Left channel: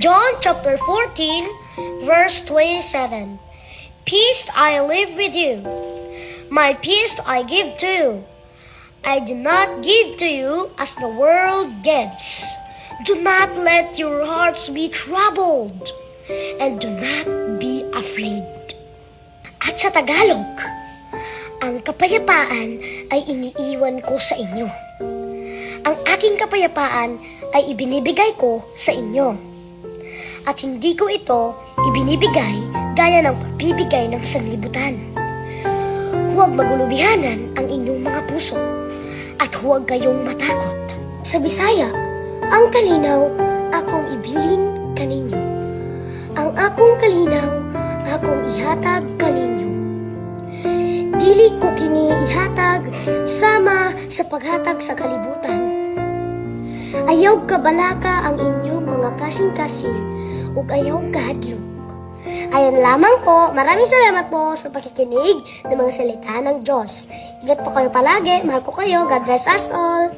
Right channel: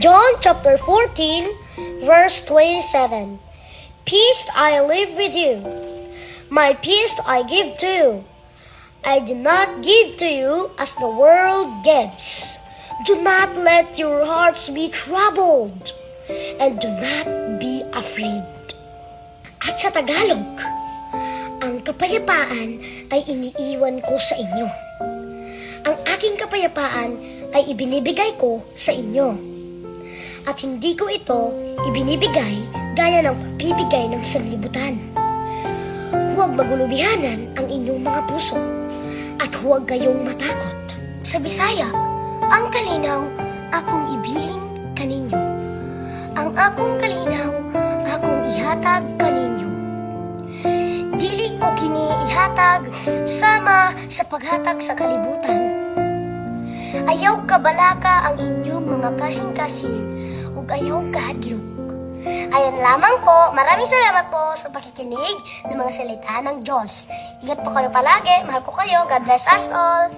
John chapter 14, verse 27. Peace I live with you. My peace I give to you. I do not give to you as the world gives. Do not let your hearts be troubled, and do not be afraid. At sa Tagalog, ang kapayapaan ay iniiwan ko sa inyo. Ang aking kapayapaan ay ibinibigay ko sa inyo. At hindi ko ito ibinibigay gaya ng pagbibigay ng sanlibutan. Huwag magulubihanan ang inyong mga puso at huwag kayong matakot. Sa Bisaya, ang kalinaw akong ibilin kaninyo. Ang akong kalinaw akong ihatag kaninyo. Dili ko kini ihatag sama sa paghatag sa kalibutan. Ayaw kabalaka ang inyong mga kasing-kasing ug ayaw kahadlok. Ayan lamang po, maraming salamat po sa pakikinig ng mga salita ng Diyos. Ingat po kayo palagi, mahal ko kayo, God bless us all.